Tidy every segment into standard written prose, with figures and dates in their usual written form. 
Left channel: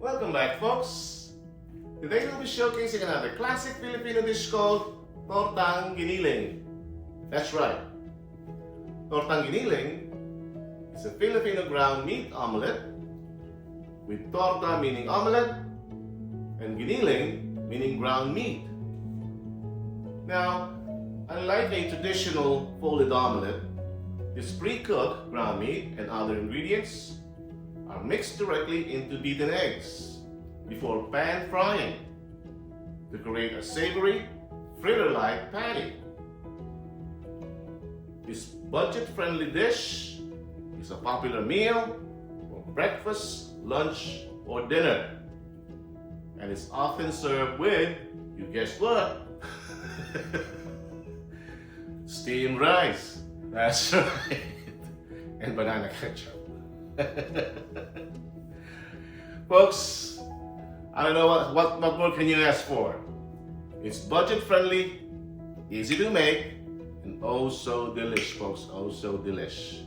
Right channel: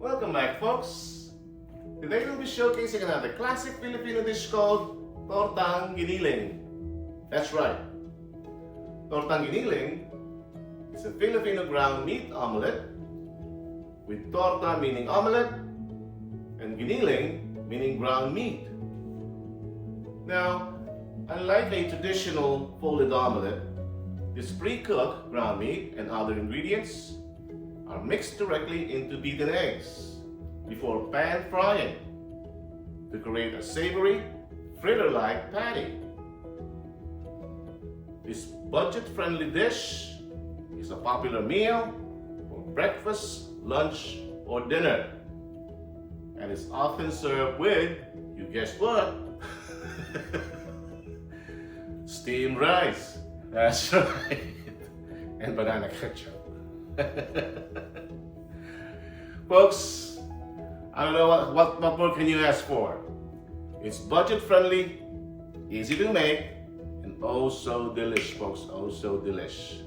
Welcome back, folks. Today we'll be showcasing another classic Filipino dish called Tortang Giniling. That's right. Tortang Giniling is a Filipino ground meat omelet with torta meaning omelet and giniling meaning ground meat. Now, unlike a traditional folded omelet, this pre-cooked ground meat and other ingredients are mixed directly into beaten eggs before pan frying to create a savory, fritter-like patty. This budget-friendly dish is a popular meal for breakfast, lunch, or dinner, and it's often served with, you guessed what? Steamed rice. That's right. And banana ketchup. Folks, I don't know what more can you ask for? It's budget friendly, easy to make, and oh so delish, folks. Oh so delish.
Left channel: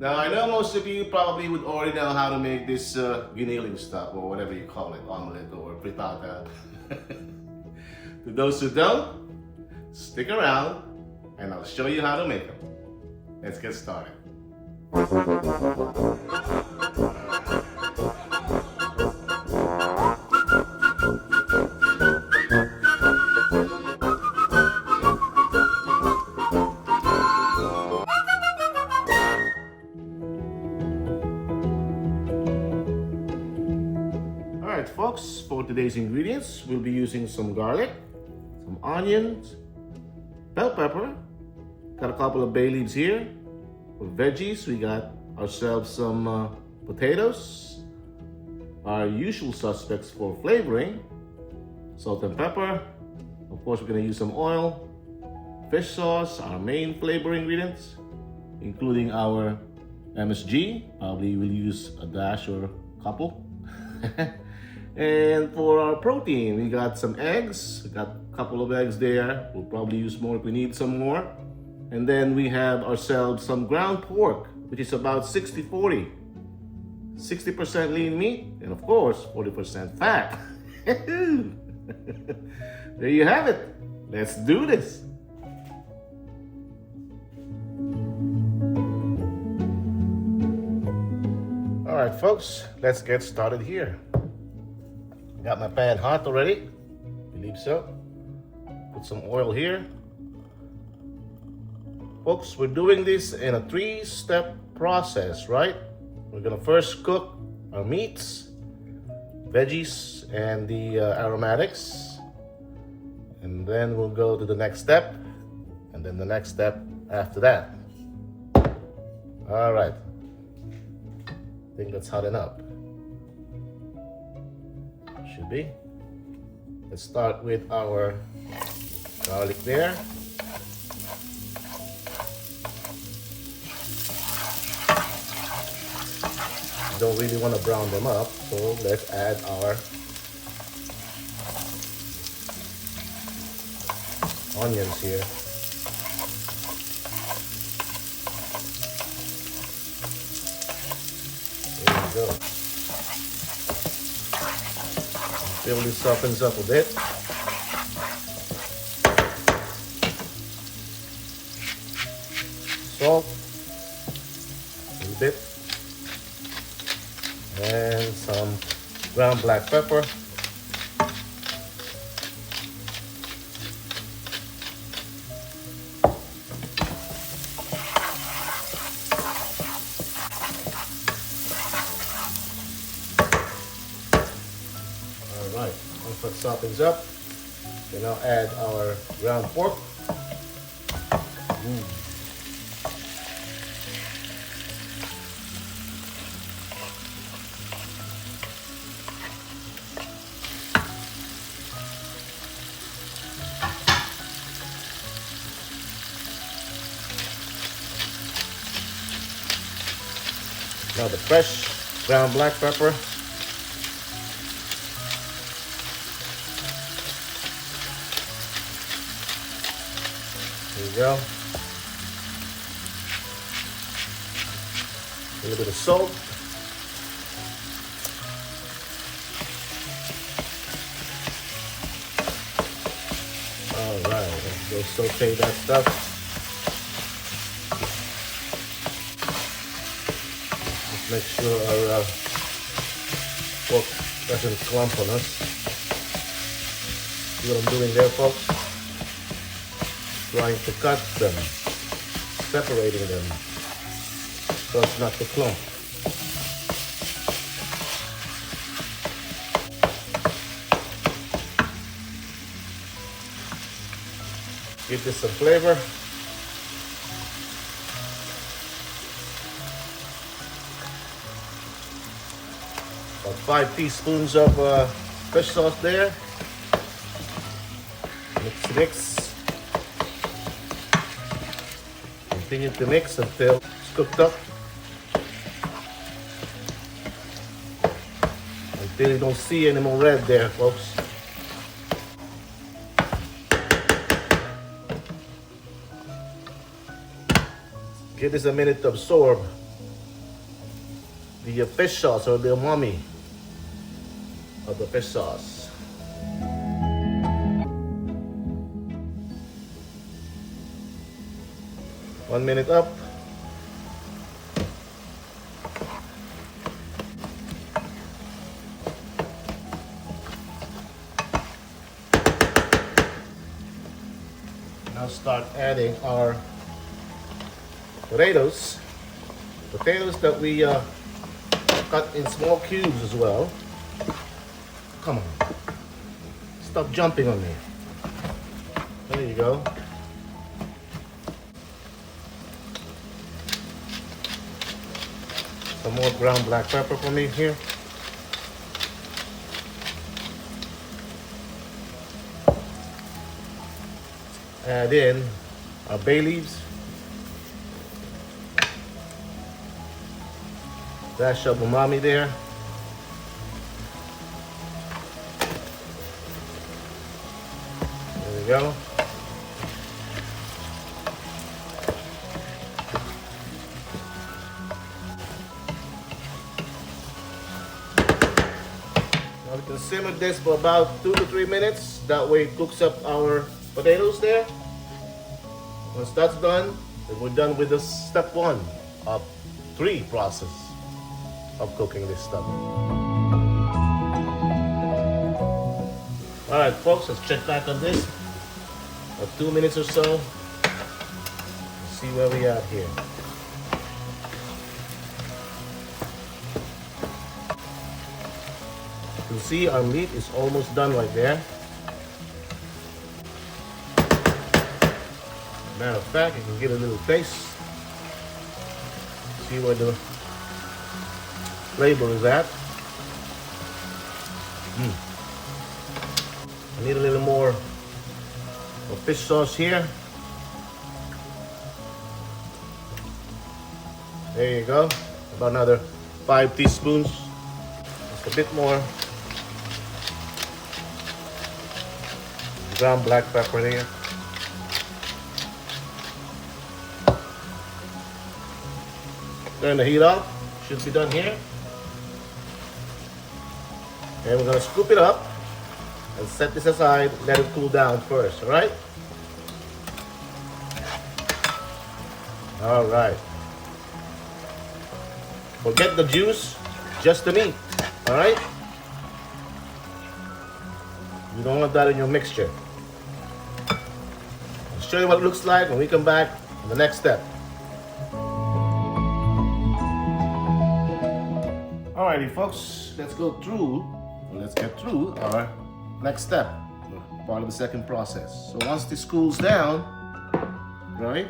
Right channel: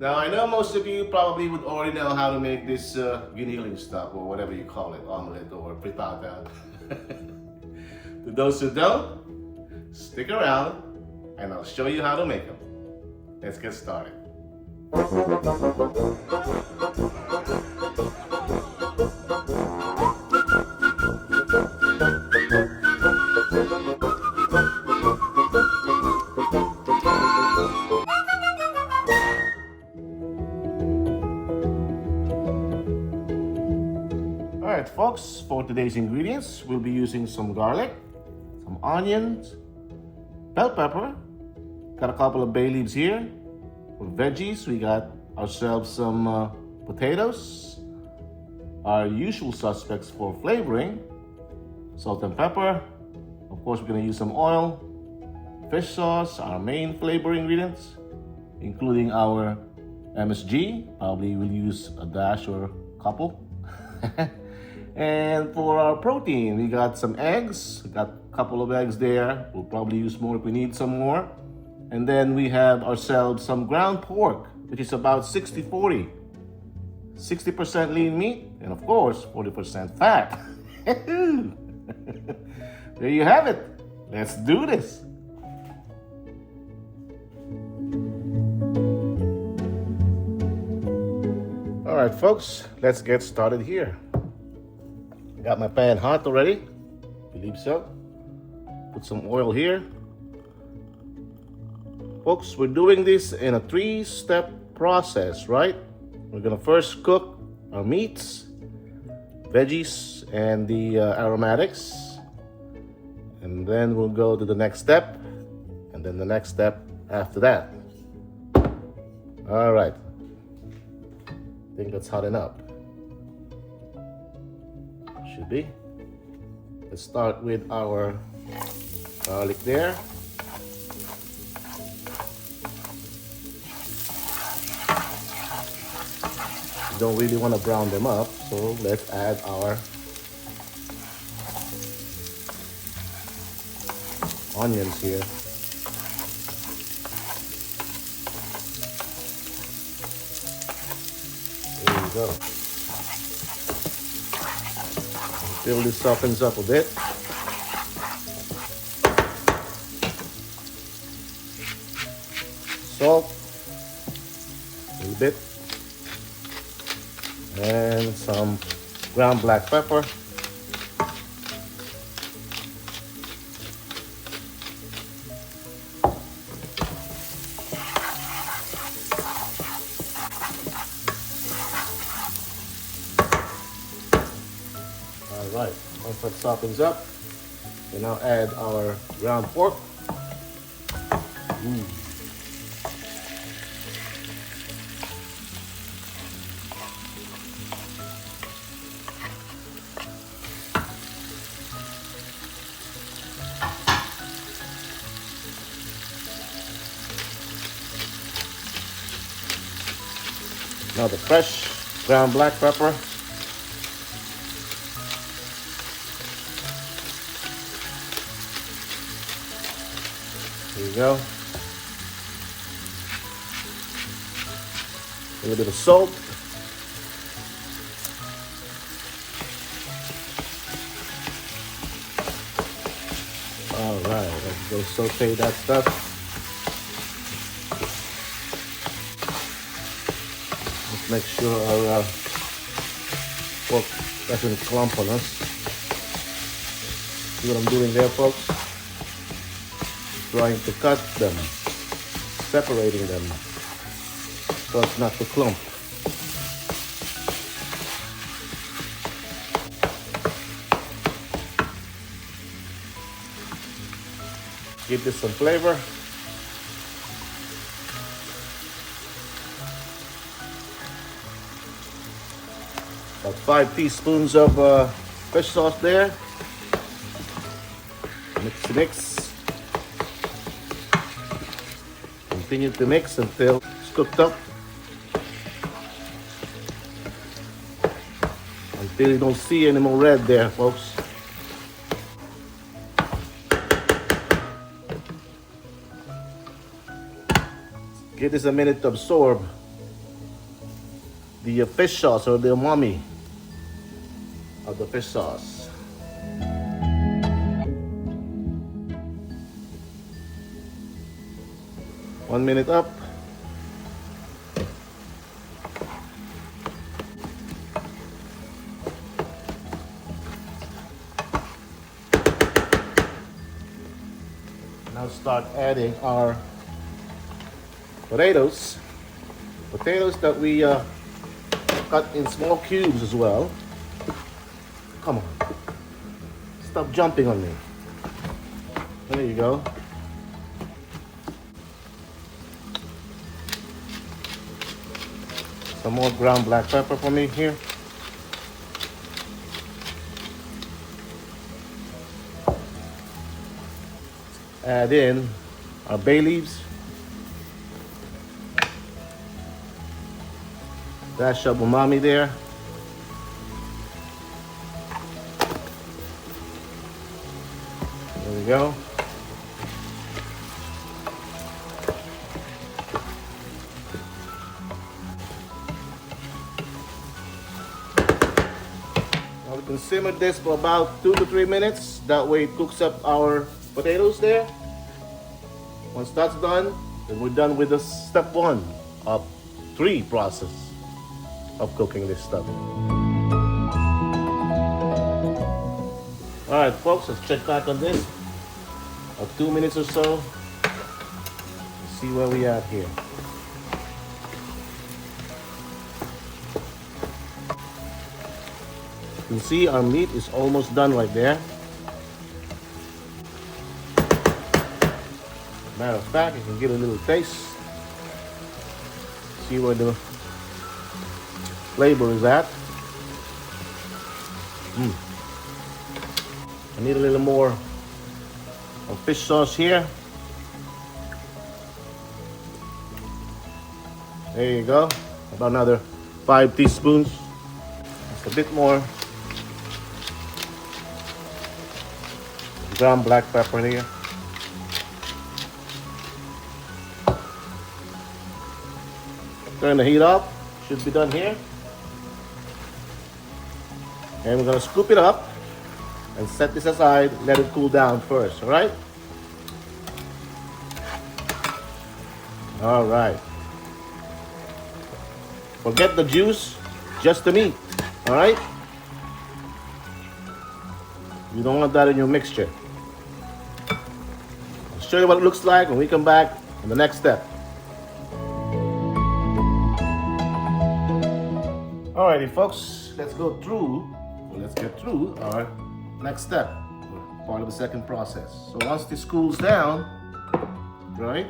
Now I know most of you probably would already know how to make this giniling stuff, or whatever you call it, omelet or frittata. To those who don't, stick around and I'll show you how to make them. Let's get started. Alright folks, for today's ingredients, we'll be using some garlic, some onions, bell pepper, got a couple of bay leaves here. For veggies, we got ourselves some potatoes, our usual suspects for flavoring, salt and pepper. Of course, we're going to use some oil, fish sauce, our main flavor ingredients, including our MSG. Probably we'll use a dash or a couple. And for our protein, we got some eggs. We got a couple of eggs there. We'll probably use more if we need some more. And then we have ourselves some ground pork, which is about 60-40. 60% lean meat, and of course, 40% fat. There you have it. Let's do this. All right, folks, let's get started here. Got my pan hot already. I believe so. Put some oil here. Folks, we're doing this in a 3-step process, right? We're gonna first cook our meats, veggies, and the aromatics. And then we'll go to the next step, and then the next step after that. All right. I think that's hot enough. Should be. Let's start with our garlic there. We don't really want to brown them up, so let's add our onions here. There we go. Until this softens up a bit. Salt, a little bit. And some ground black pepper. Alright, once that softens up, we now add our ground pork. Now the fresh ground black pepper. There you go. A little bit of salt. Okay, saute that stuff. Let's make sure our pork doesn't clump on us. See what I'm doing there, folks? Trying to cut them, separating them, so it's not to clump. Give this some flavor. About 5 teaspoons of fish sauce there. Mix. Continue to mix until it's cooked up. Until you don't see any more red there, folks. Give this a minute to absorb the fish sauce or the umami of the fish sauce. One minute up. Now start adding our potatoes that we cut in small cubes as well. Come on, stop jumping on me. Here you go. Some more ground black pepper for me here. Add in our bay leaves. Dash of umami there. There we go. Now we can simmer this for about 2 to 3 minutes. That way it cooks up our potatoes there. Once that's done, then we're done with the step 1 of 3 process of cooking this stuff. All right, folks, let's check back on this. 2 minutes or so. Let's see where we are here. You see our meat is almost done right there. Matter of fact, you can get a little taste. See where the flavor is at. I need a little more of fish sauce here. There you go. About another 5 teaspoons. Just a bit more ground black pepper here. Turn the heat off. Should be done here. And we're gonna scoop it up and set this aside, let it cool down first, all right? All right. Forget the juice, just the meat, all right? You don't want that in your mixture. I'll show you what it looks like when we come back in the next step. Alrighty, folks, let's get through our next step, part of the second process. So once this cools down, right,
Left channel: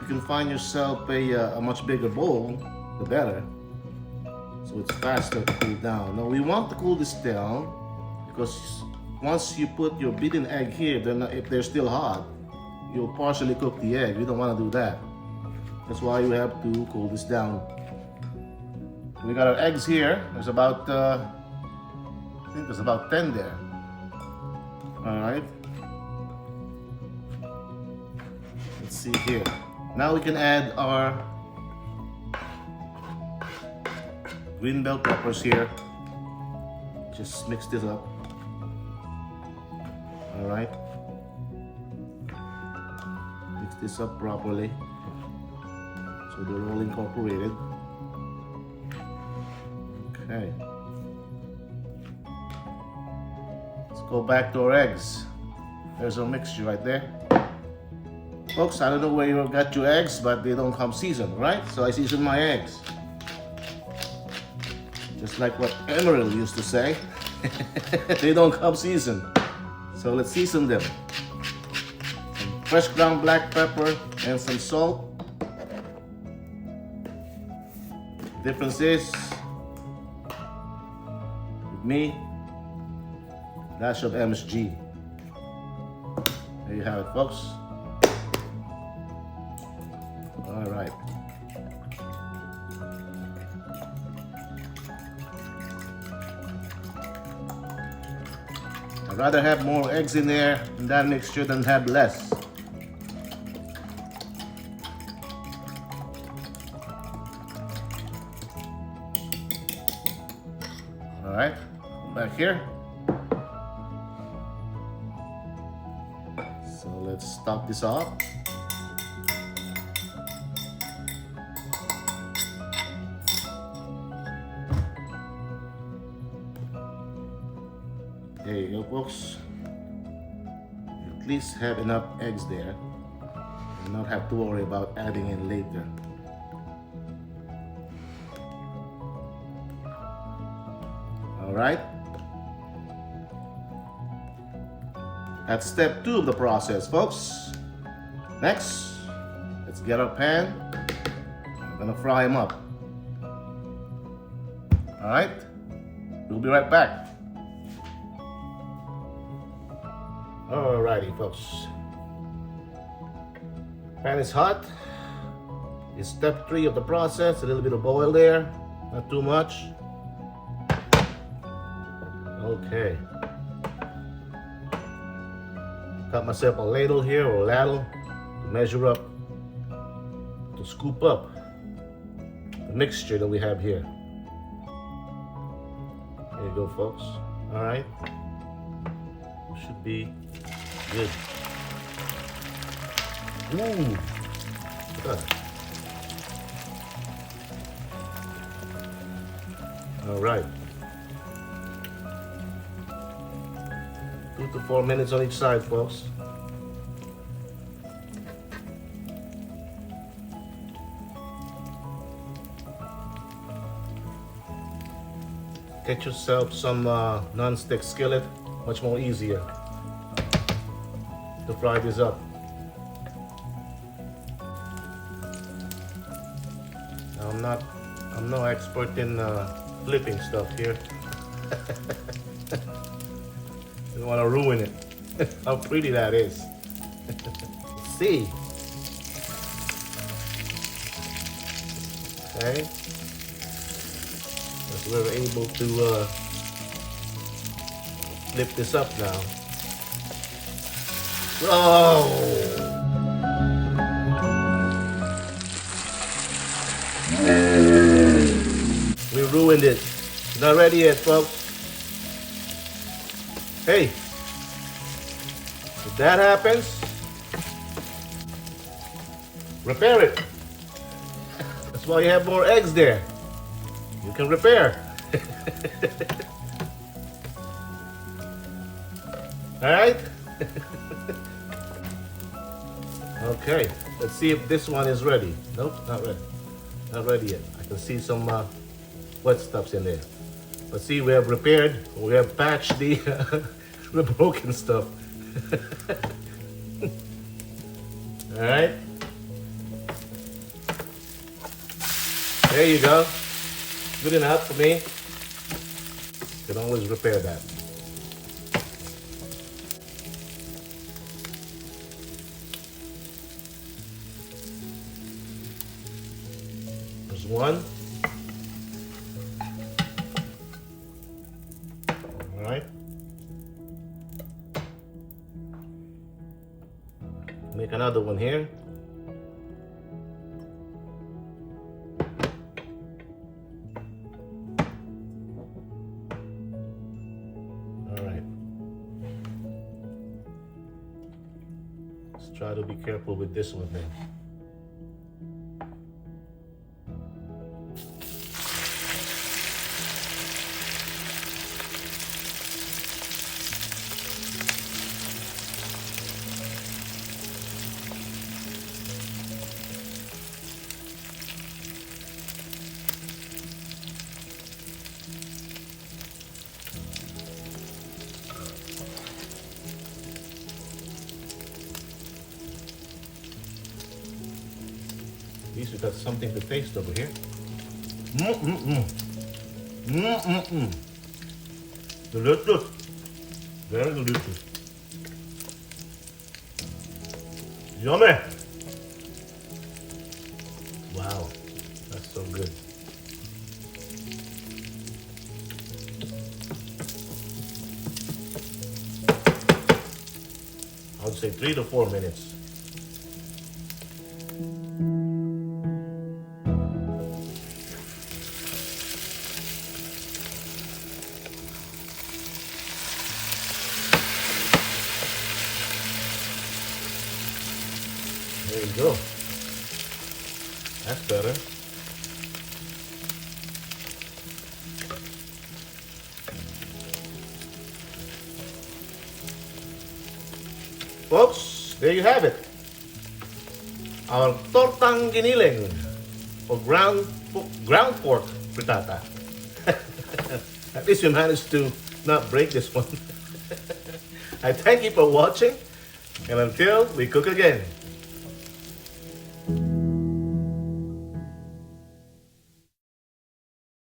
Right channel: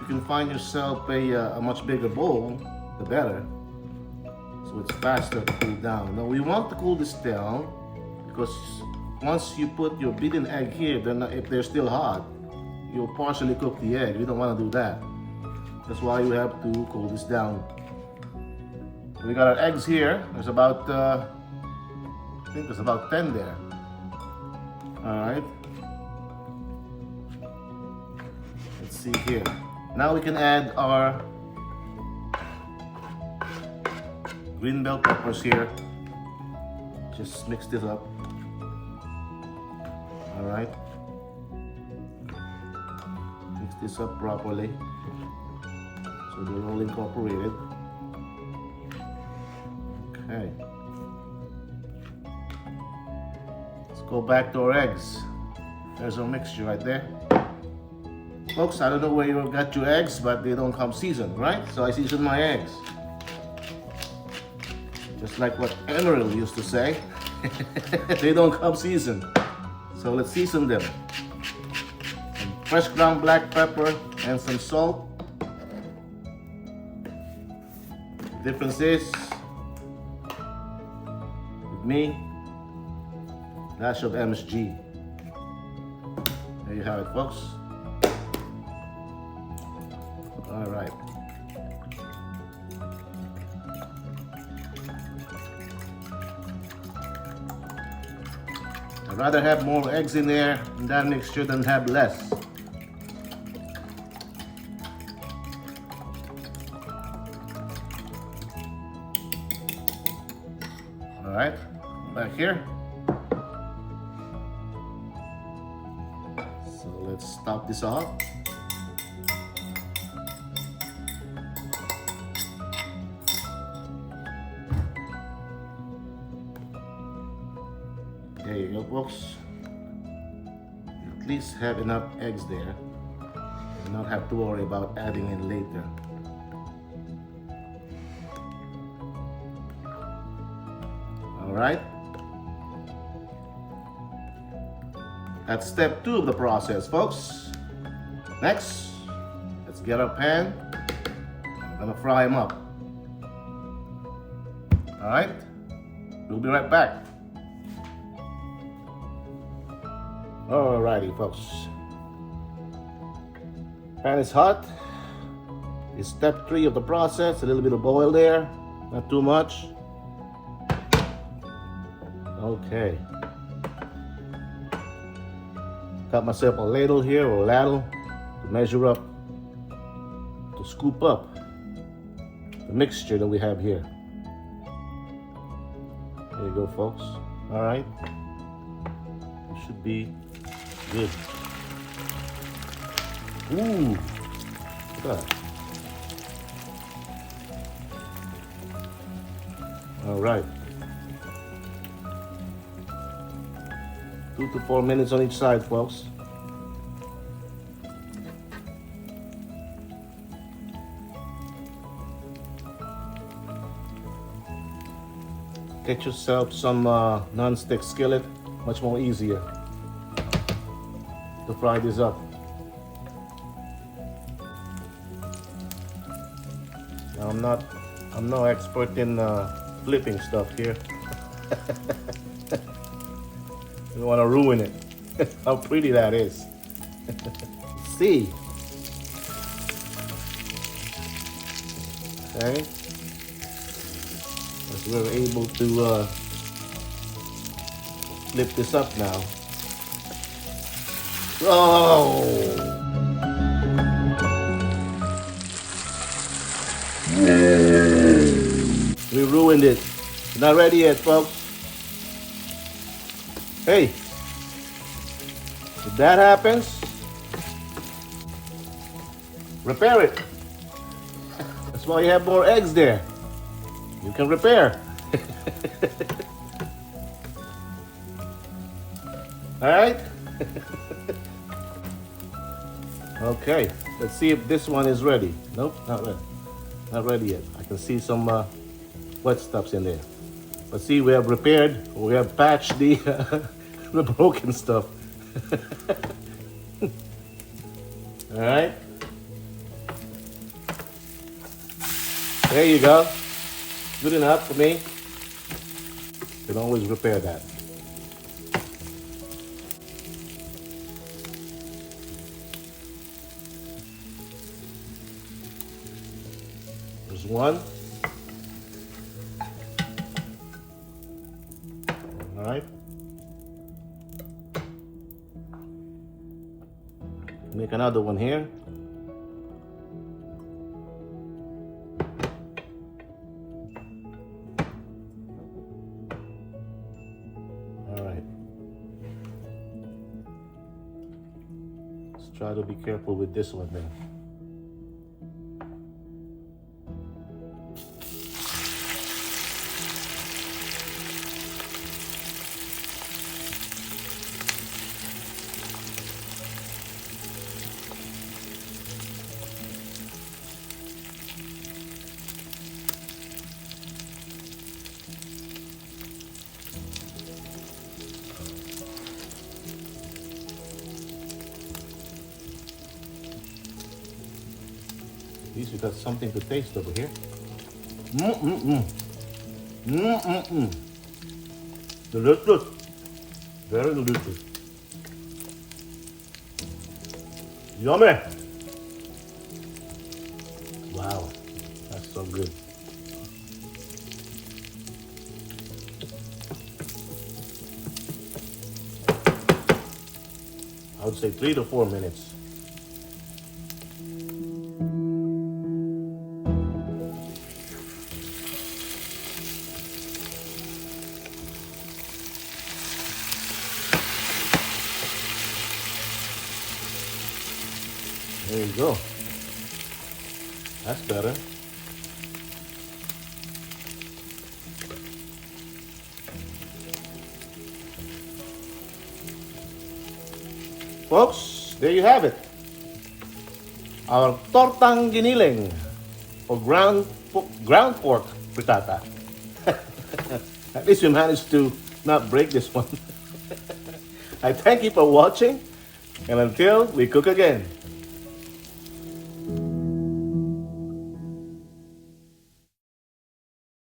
you can find yourself a much bigger bowl, the better, so it's faster to cool down. Now we want to cool this down because once you put your beaten egg here, if they're still hot, you'll partially cook the egg. We don't want to do that. That's why you have to cool this down. We got our eggs here. There's about, I think there's about 10 there. All right. Let's see here. Now we can add our green bell peppers here. Just mix this up. All right. this up properly so they're all incorporated. Okay. Let's go back to our eggs. There's our mixture right there. Folks, I don't know where you got your eggs, but they don't come seasoned, right? So I season my eggs. Just like what Emerald used to say. They don't come seasoned. So let's season them. Some fresh ground black pepper and some salt. The difference is, with me, dash of MSG. There you have it, folks. All right. I'd rather have more eggs in there in that mixture than have less. All right, back here. So let's top this off. There you go, folks. At least have enough eggs there and not have to worry about adding in later. All right. That's step 2 of the process, folks. Next, let's get our pan. I'm gonna fry them up. All right. We'll be right back. Alrighty, folks. Pan is hot. It's step 3 of the process. A little bit of oil there, not too much. Okay. Got myself a ladle here, or a ladle, to measure up, to scoop up the mixture that we have here. There you go, folks. All right. It should be good. Ooh, look at that. All right. 2 to 4 minutes on each side, folks. Get yourself some non-stick skillet, much more easier to fry this up. Now, I'm no expert in flipping stuff here. You want to ruin it. How pretty that is. Let's see. Okay. So we're able to flip this up now. Oh! We ruined it. Not ready yet, folks. Hey, if that happens, repair it. That's why you have more eggs there. You can repair. All right. Okay, let's see if this one is ready. Nope, not ready. Not ready yet. I can see some wet stuffs in there. Let's see, we have repaired, we have patched the, the broken stuff. All right. There you go. Good enough for me. You can always repair that. There's one. All right. Make another one here. Try to be careful with this one then. At least we got something to taste over here. Delicious. Very delicious. Yummy. Wow, that's so good. I would say 3 to 4 minutes. There you go. That's better. Folks, there you have it. Our Tortang Giniling, or ground pork frittata. At least we managed to not break this one. I thank you for watching, and until we cook again.